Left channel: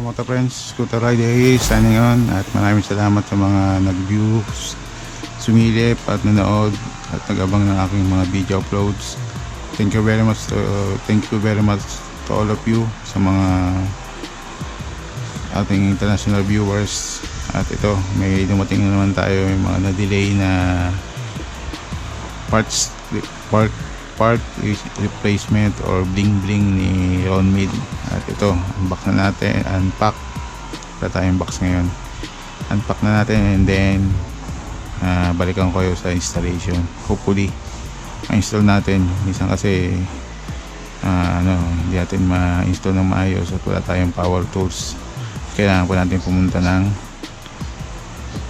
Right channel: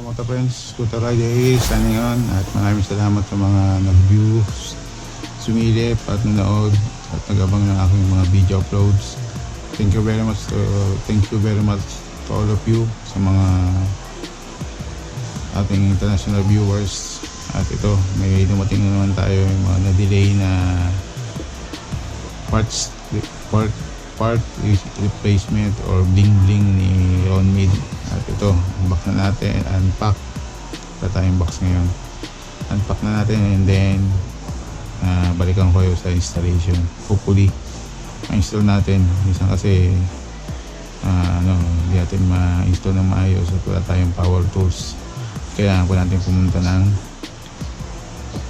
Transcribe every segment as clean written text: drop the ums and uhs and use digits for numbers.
KaMotoFriends, Scooter Rider is signing on at maraming salamat sa mga nag-view, sumilip at nanood at nag-abang ng aking mga video uploads. Thank you very much to all of you sa mga ating international viewers. At ito, may dumating na naman tayo, may mga na-delay na part replacement or bling bling ni Ron Mid. At ito, unbox na natin, unpack wala tayong box ngayon, unpack na natin and then balikan ko kayo sa installation. Hopefully ma-install natin. Minsan kasi hindi natin ma-install ng maayos at wala tayong power tools. Kailangan po natin pumunta ng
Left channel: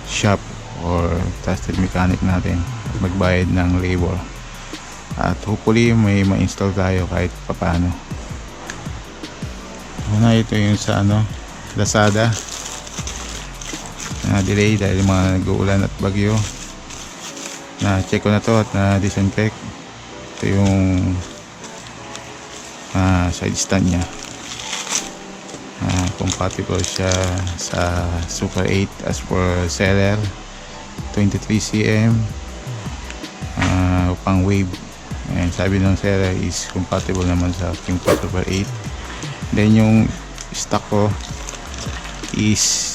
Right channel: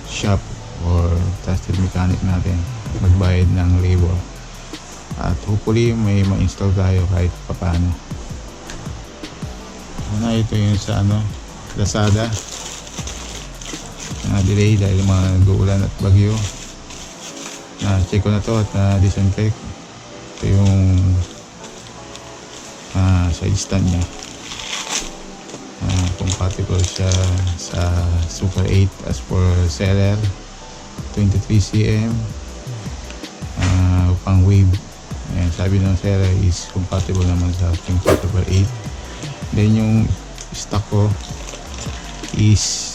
shop or trusted mechanic natin, magbayad ng labor. At hopefully may ma-install tayo kahit papaano. Una, ito yung sa Lazada na delay dahil mga nag-uulan at bagyo. Na check ko na to at na disinfect. Ito yung side stand nya. Compatible siya sa Super 8 as per seller, 23 cm pang wave. And sabi ng seller is compatible naman sa Kymco Super 8. Then yung stock ko is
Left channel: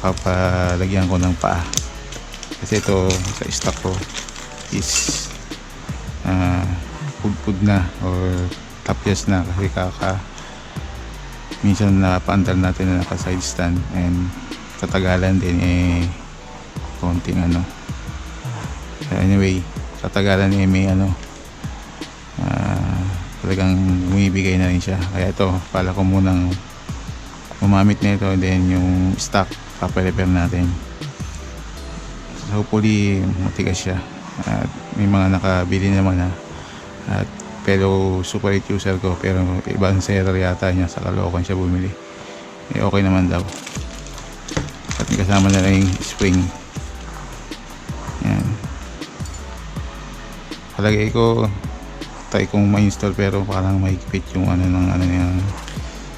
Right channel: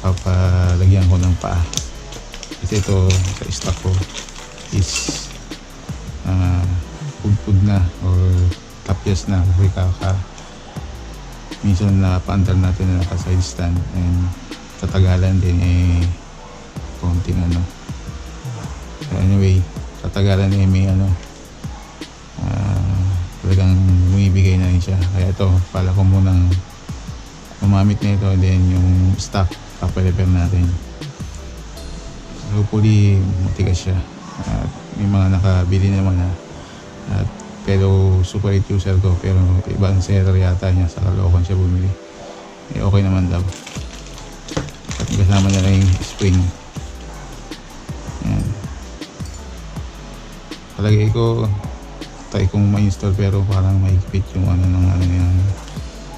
papalagyan ko ng paa kasi ito sa stock ko is pudpud na or tapyas na kasi minsan napaandar natin na naka side stand and katagalan din konting so anyway, katagalan may talagang bumibigay na rin siya. Kaya ito, pala ko munang gumamit na ito, then yung stock paparepair natin. So hopefully matigas siya at may mga nakabili naman at pero super 8 user ko, pero ibang seller yata niya, sa Caloocan siya bumili. Okay naman daw. At may kasama na rin yung spring. Yan. Palagay ko try kong ma-install pero parang mahigpit yung yung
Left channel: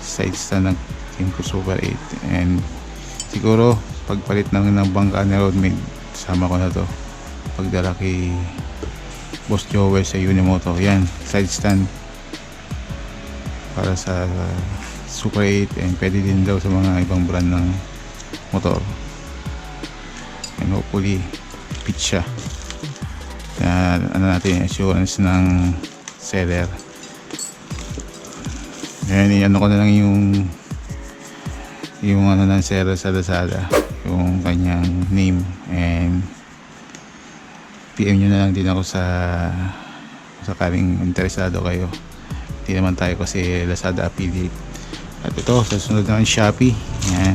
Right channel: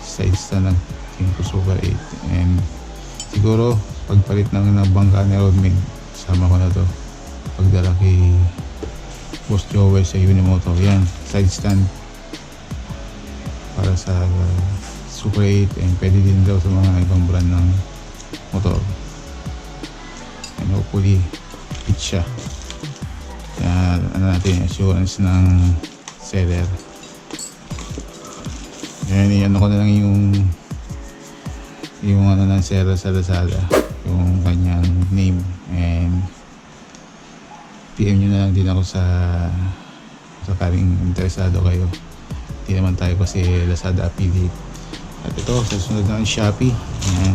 side stand ng Kymco Super 8. And siguro pagpalit ng bangka ni Roadmate, sama ko na to pagdala kay Boss Joel sa Unimoto. Yan, side stand para sa Super 8 and pwede din daw sa mga ibang brand ng motor. And hopefully fit siya. Natin assurance ng seller. Ayan, ko na lang yung ng seller sa Lazada, yung kanyang name, and PM nyo na lang din ako sa sakaling interesado kayo. Hindi naman tayo kasi Lazada affiliate. At ito, sa sunod naman Shopee. Ayan,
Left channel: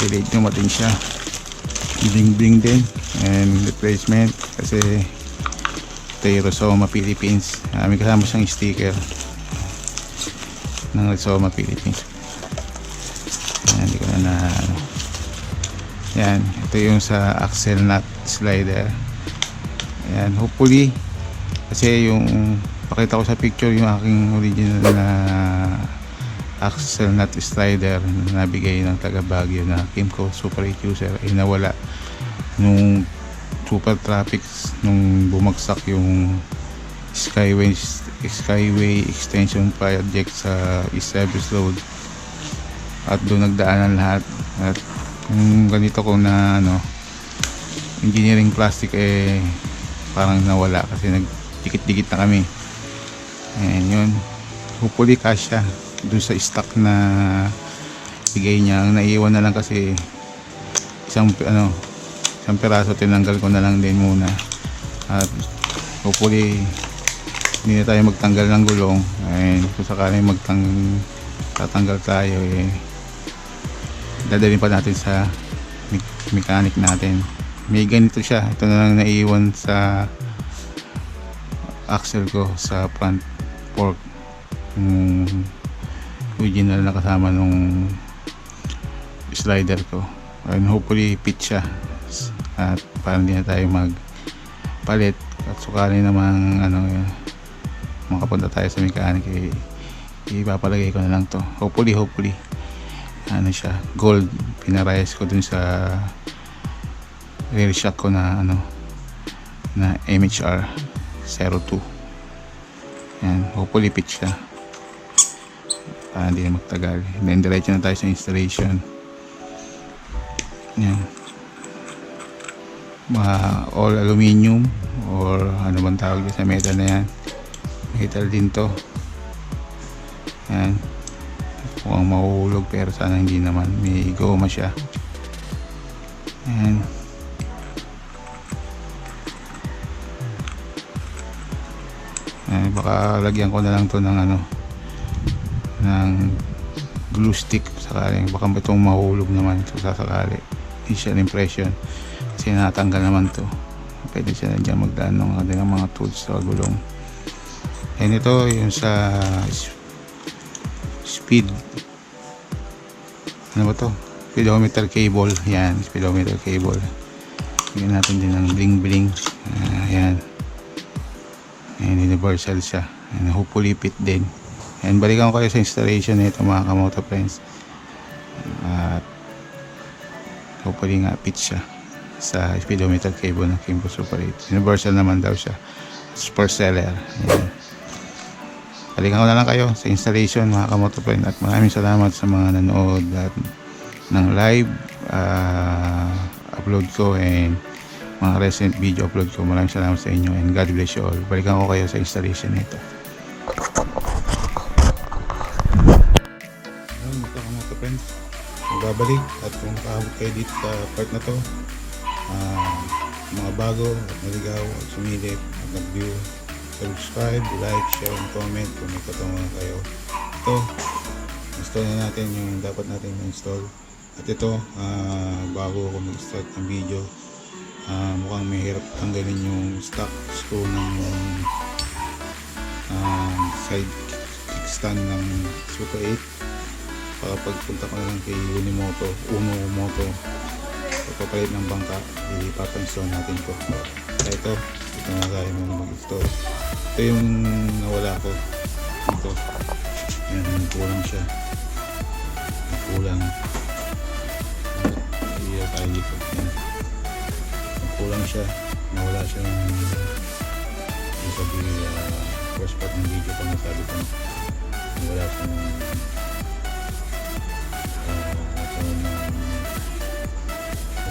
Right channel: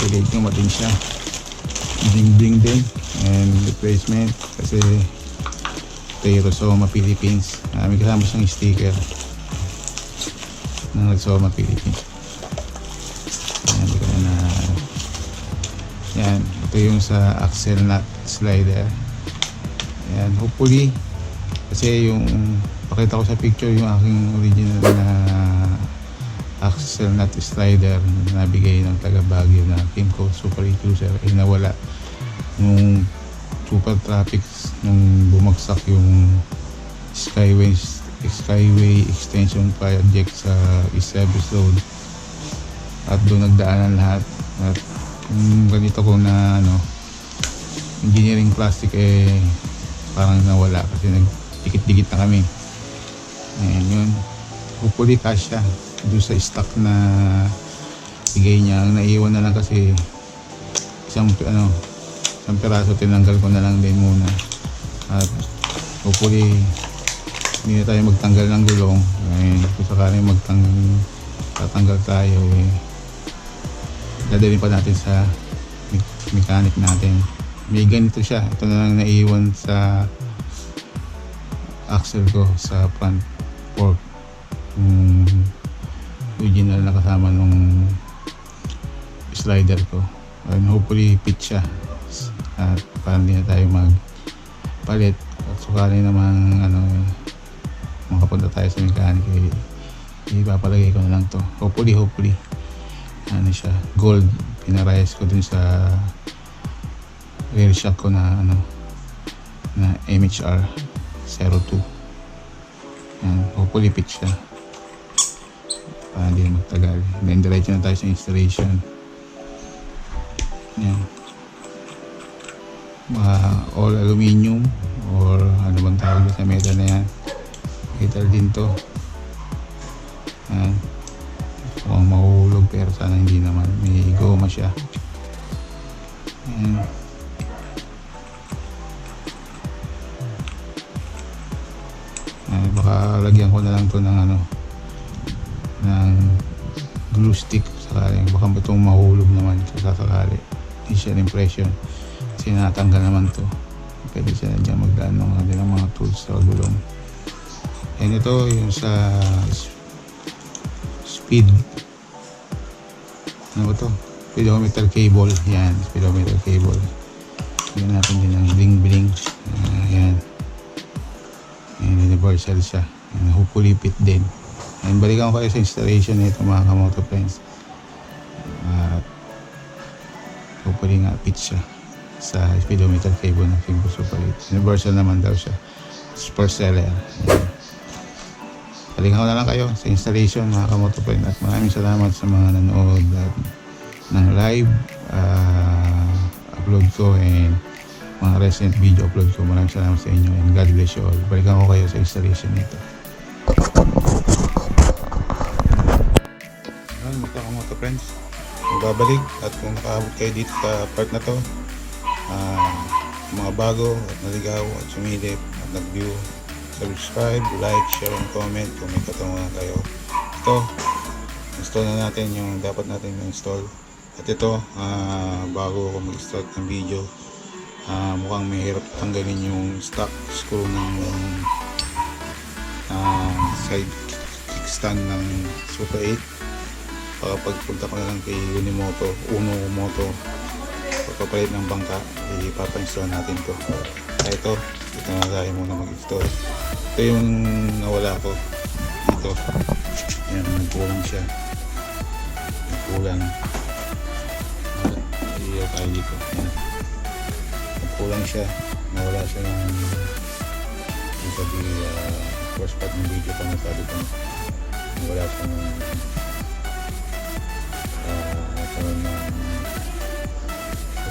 delayed naman siya, bling bling din and replacement kasi ito yung Rizoma Philippines. May kasama siyang sticker ng Rizoma Philippines. Ayan, hindi ko na yan, ito yung sa axle nut slider. Ayan, hopefully kasi yung pakita ko sa picture yung aking original na axle nut slider na nabigay ng taga Baguio na Kymco Super 8 user ay nawala nung super traffic, nung bumagsak yung skyway extension project sa East Service Road at doon nagdaanan lahat. At yung ganito ko na engineering plastic parang nawala kasi nagdikit-dikit na kami. And yun, hopefully kasya doon sa stock na bigay niya. Ang naiwan na lang kasi isang peraso, tinanggal ko na lang din muna. At hopefully hindi na tayo magtanggal ng gulong, and kung sakaling tatanggal tayo dadalhin pa natin sa mechanic natin. May ganito siya, ito na lang naiwan sa axle ko sa front fork, original na kasama nung slider ko, and hopefully fit siya at parang hindi na tayo magpalit. At sukali namang makapunta tayo sa mechanic, ipapalagay ko na lang to. Hopefully ano siya, gold. Pinarayas ko dun sa rear shock ko na ano, na MHR 02. Yan, hopefully fit siya para hindi na magtagal. Then diretso na tayo sa installation. Yan, all aluminum or ano bang tawag sa metal na yan, metal din to. Yan, mukhang mahuhulog pero sana hindi naman, may goma siya. Yan, baka lagyan ko na lang to ng ano, ng glue stick sakaling baka itong mahulog naman so sasakali. Initial impression kasi natanggal naman to, pwede siya na dyan magdaan ng kanilang mga tools sa gulong. And ito yung sa speed, ano ba to, speedometer cable. Yan, speedometer cable. Bigyan natin din ng bling bling. Yan, and universal siya, and hopefully fit din. And balikan ko kayo sa installation nito mga KaMotoFriends, at hopefully nga fit siya sa speedometer cable ng Kymco Super 8. Universal naman daw siya, per seller. Ayan. Balikan ko na lang kayo sa installation mga KaMotoFriends, at maraming salamat sa mga nanood at ng live upload ko and mga recent video upload ko. Maraming salamat sa inyo and God bless you all. Balikan ko kayo sa installation nito. Basta KaMotoFriends, magbabalik, at kung nakaabot kayo dito sa part na to, mga bago at naligaw at sumilip at nag-view, subscribe, like, share, and comment kung may katanungan kayo. Ito, install na natin yung dapat natin ma-install. At ito, bago ako mag-start ng video, mukhang may hirap tanggalin yung stock screw ng side kickstand ng Super 8. Baka pagpunta ko na lang kay Uno Moto, pagpapalit ng bangka, ipapa-install natin to. Kaya ito na tayo muna mag-install. Ito yung nawala ko dito. Yan, nagkulang siya, nagkulang. Iiyak tayo dito. Yan, nagkulang siya, nawala siya ng sabi first part ng video pa nasabi ko, nawala siya ng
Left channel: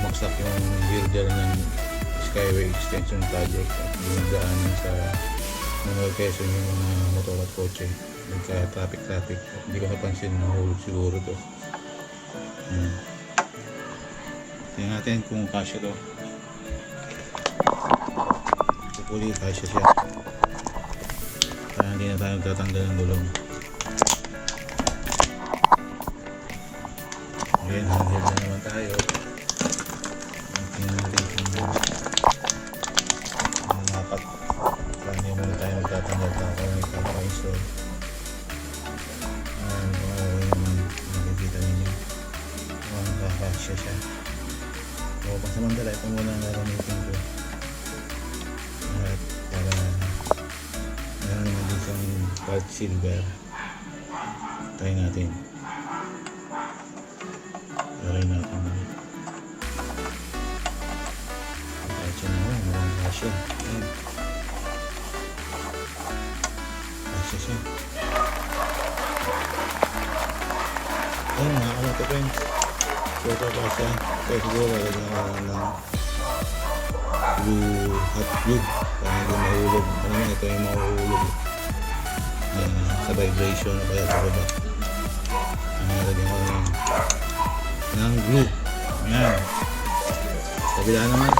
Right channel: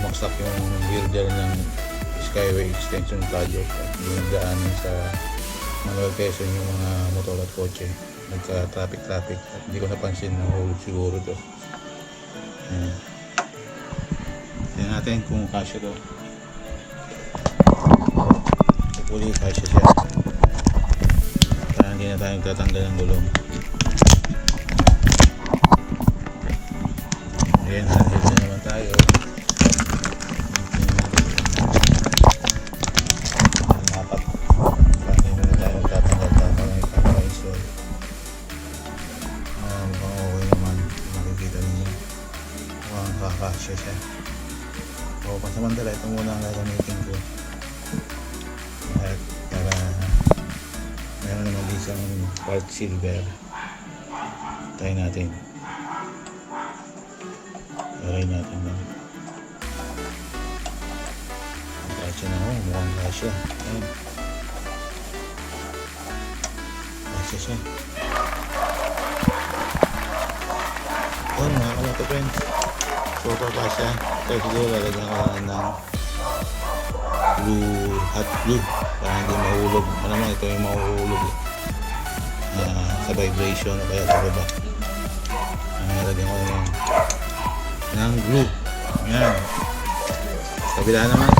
umaksak yung girder ng Skyway Extension Project at dinagdaanan sa Manuel Quezon yung mga motor at kotse. Nagka traffic at hindi ko napansin na hulog siguro to. Tingnan natin kung kasya to. Hopefully kasya siya para hindi na tayo magtatanggal ng gulong. Ayan, handheld na naman tayo. Dapat para hindi muna tayo magtatanggal, tapos lang ipapa-install. Mukhang okay naman, makikita ninyo mukhang kakasya siya. So pansamantala, ito muna ang gagamitin ko at para meron naman isang part silver. Try natin, try natin lang. Kasya na, mukhang kasya. Ayan, kasya siya. Ayan mga KaMotoFriends, so kasya. Ito siguro lalagyan ko ng blue, hot blue para hindi mahulog. Ano naman, ito yung mahuhulog sa vibration o kaya sa baba. Lalagyan ko ng glue. Ayan, kabila naman.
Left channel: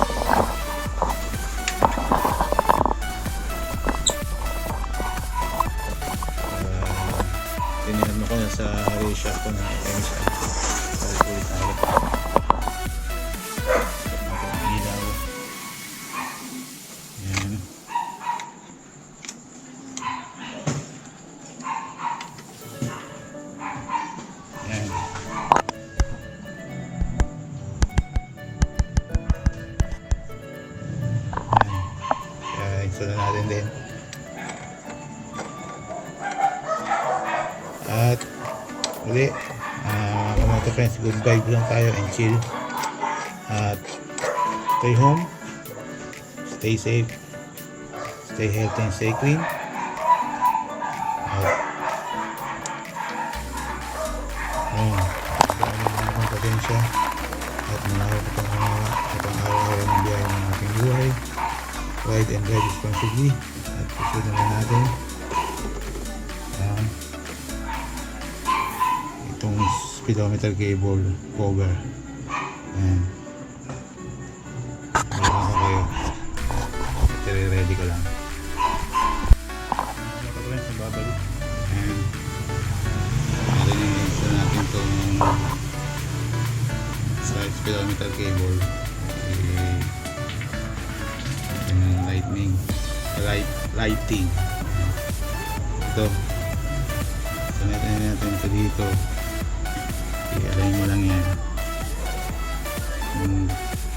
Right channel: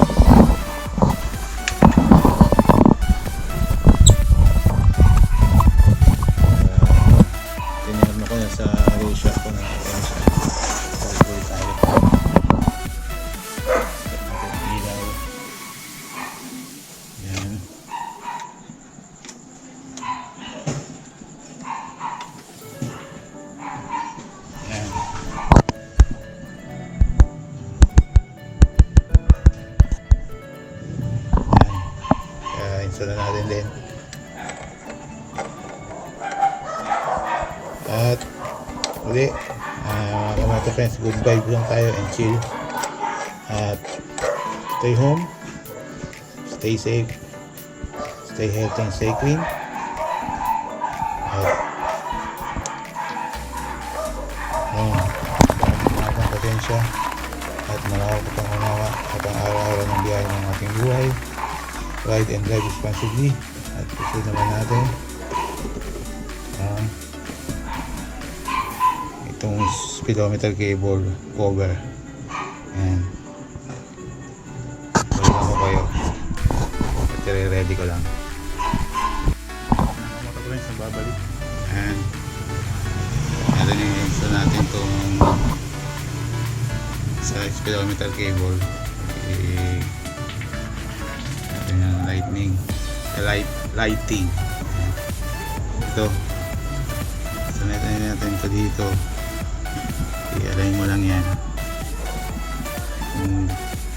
Tinignan ko na sa ratio ko na MSI. Ulit tayo. Ilaw. Ayan. Ayan. Install na natin din. At uli, KaMotoFriends, good vibe lang tayo and chill. At stay home, stay safe, stay healthy and stay clean. At mga patensya at malawak at unawa at ang araw-araw ng biyahe ng ating buhay. Ride and drive responsibly. At puso naman natin itong speedometer cable cover. Ayan, balikan ko kayo at ready ko lang. KaMotoFriends, nagbabalik. Ayan, natin yung install natin itong sa speedometer cable. Lighting ito, so natin ito dito. I-align mo lang yan kung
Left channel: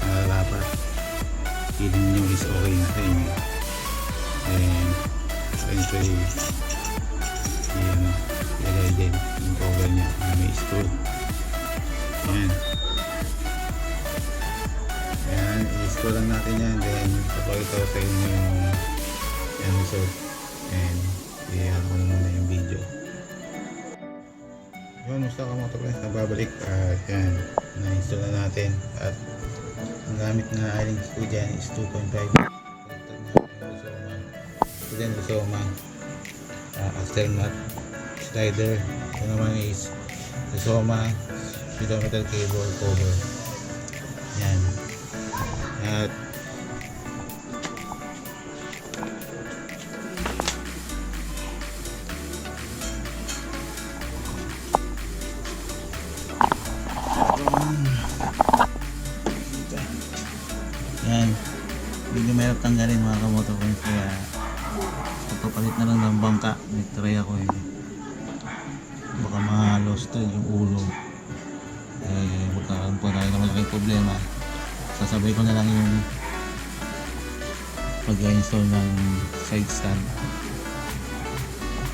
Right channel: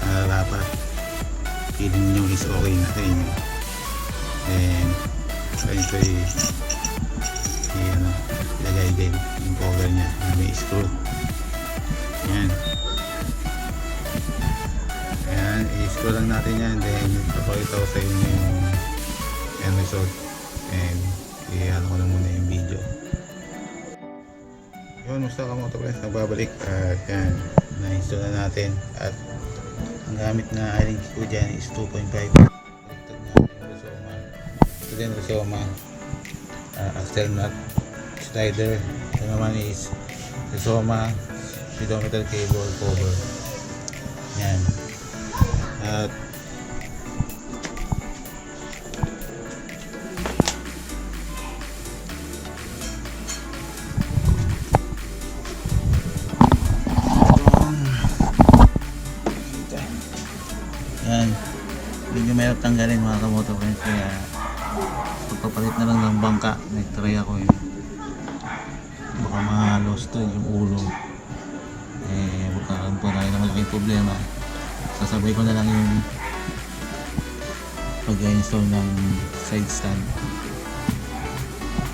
dapat feeling nyo is okay na sa inyo. Then ito ilagay din yung cover nya na may screw. Ayan, i-screw lang natin yan. Then papakita ko sa inyo yung end result, and i-ano ko na muna yung video. Yun, basta KaMotoFriends, nagbabalik. Yan, na-install na natin at ang gamit na aling ko dyan is 2.5. Baliktad natin yung Rizoma. Ito din Rizoma axle nut slider. Ito naman is Rizoma speedometer cable cover. Yan. At yan, medyo mahirap tanggalin mga KaMotoFriends, kaya pagpapalit na lang ng bangka. Nag-try ako baka ma-lost yung ulo, magkakaroon po tayo ng malaking problema. Sasabay ko na lang yung pag-install ng side stand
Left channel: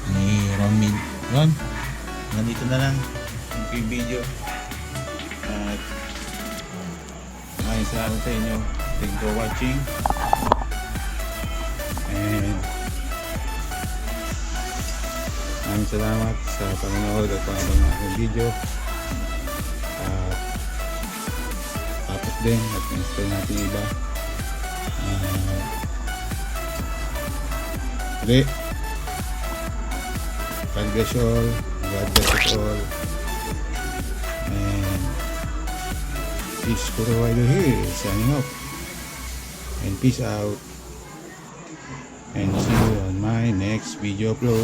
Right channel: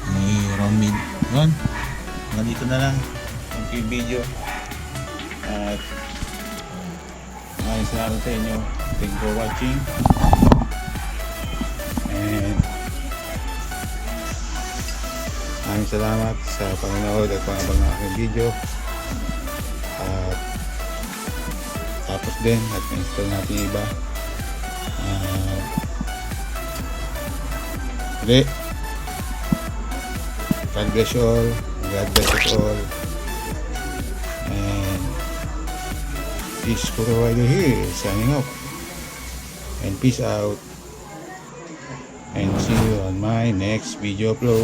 ni Romin. Yun, nandito na lang yung video at maraming salamat sa inyo. Thank you for watching, and maraming salamat sa panonood at pangabang ng aking video. At tapos din at na-install natin yung iba. God bless you all. God bless us all. And peace for the rider here, signing off. And peace out. And see you on my next video upload.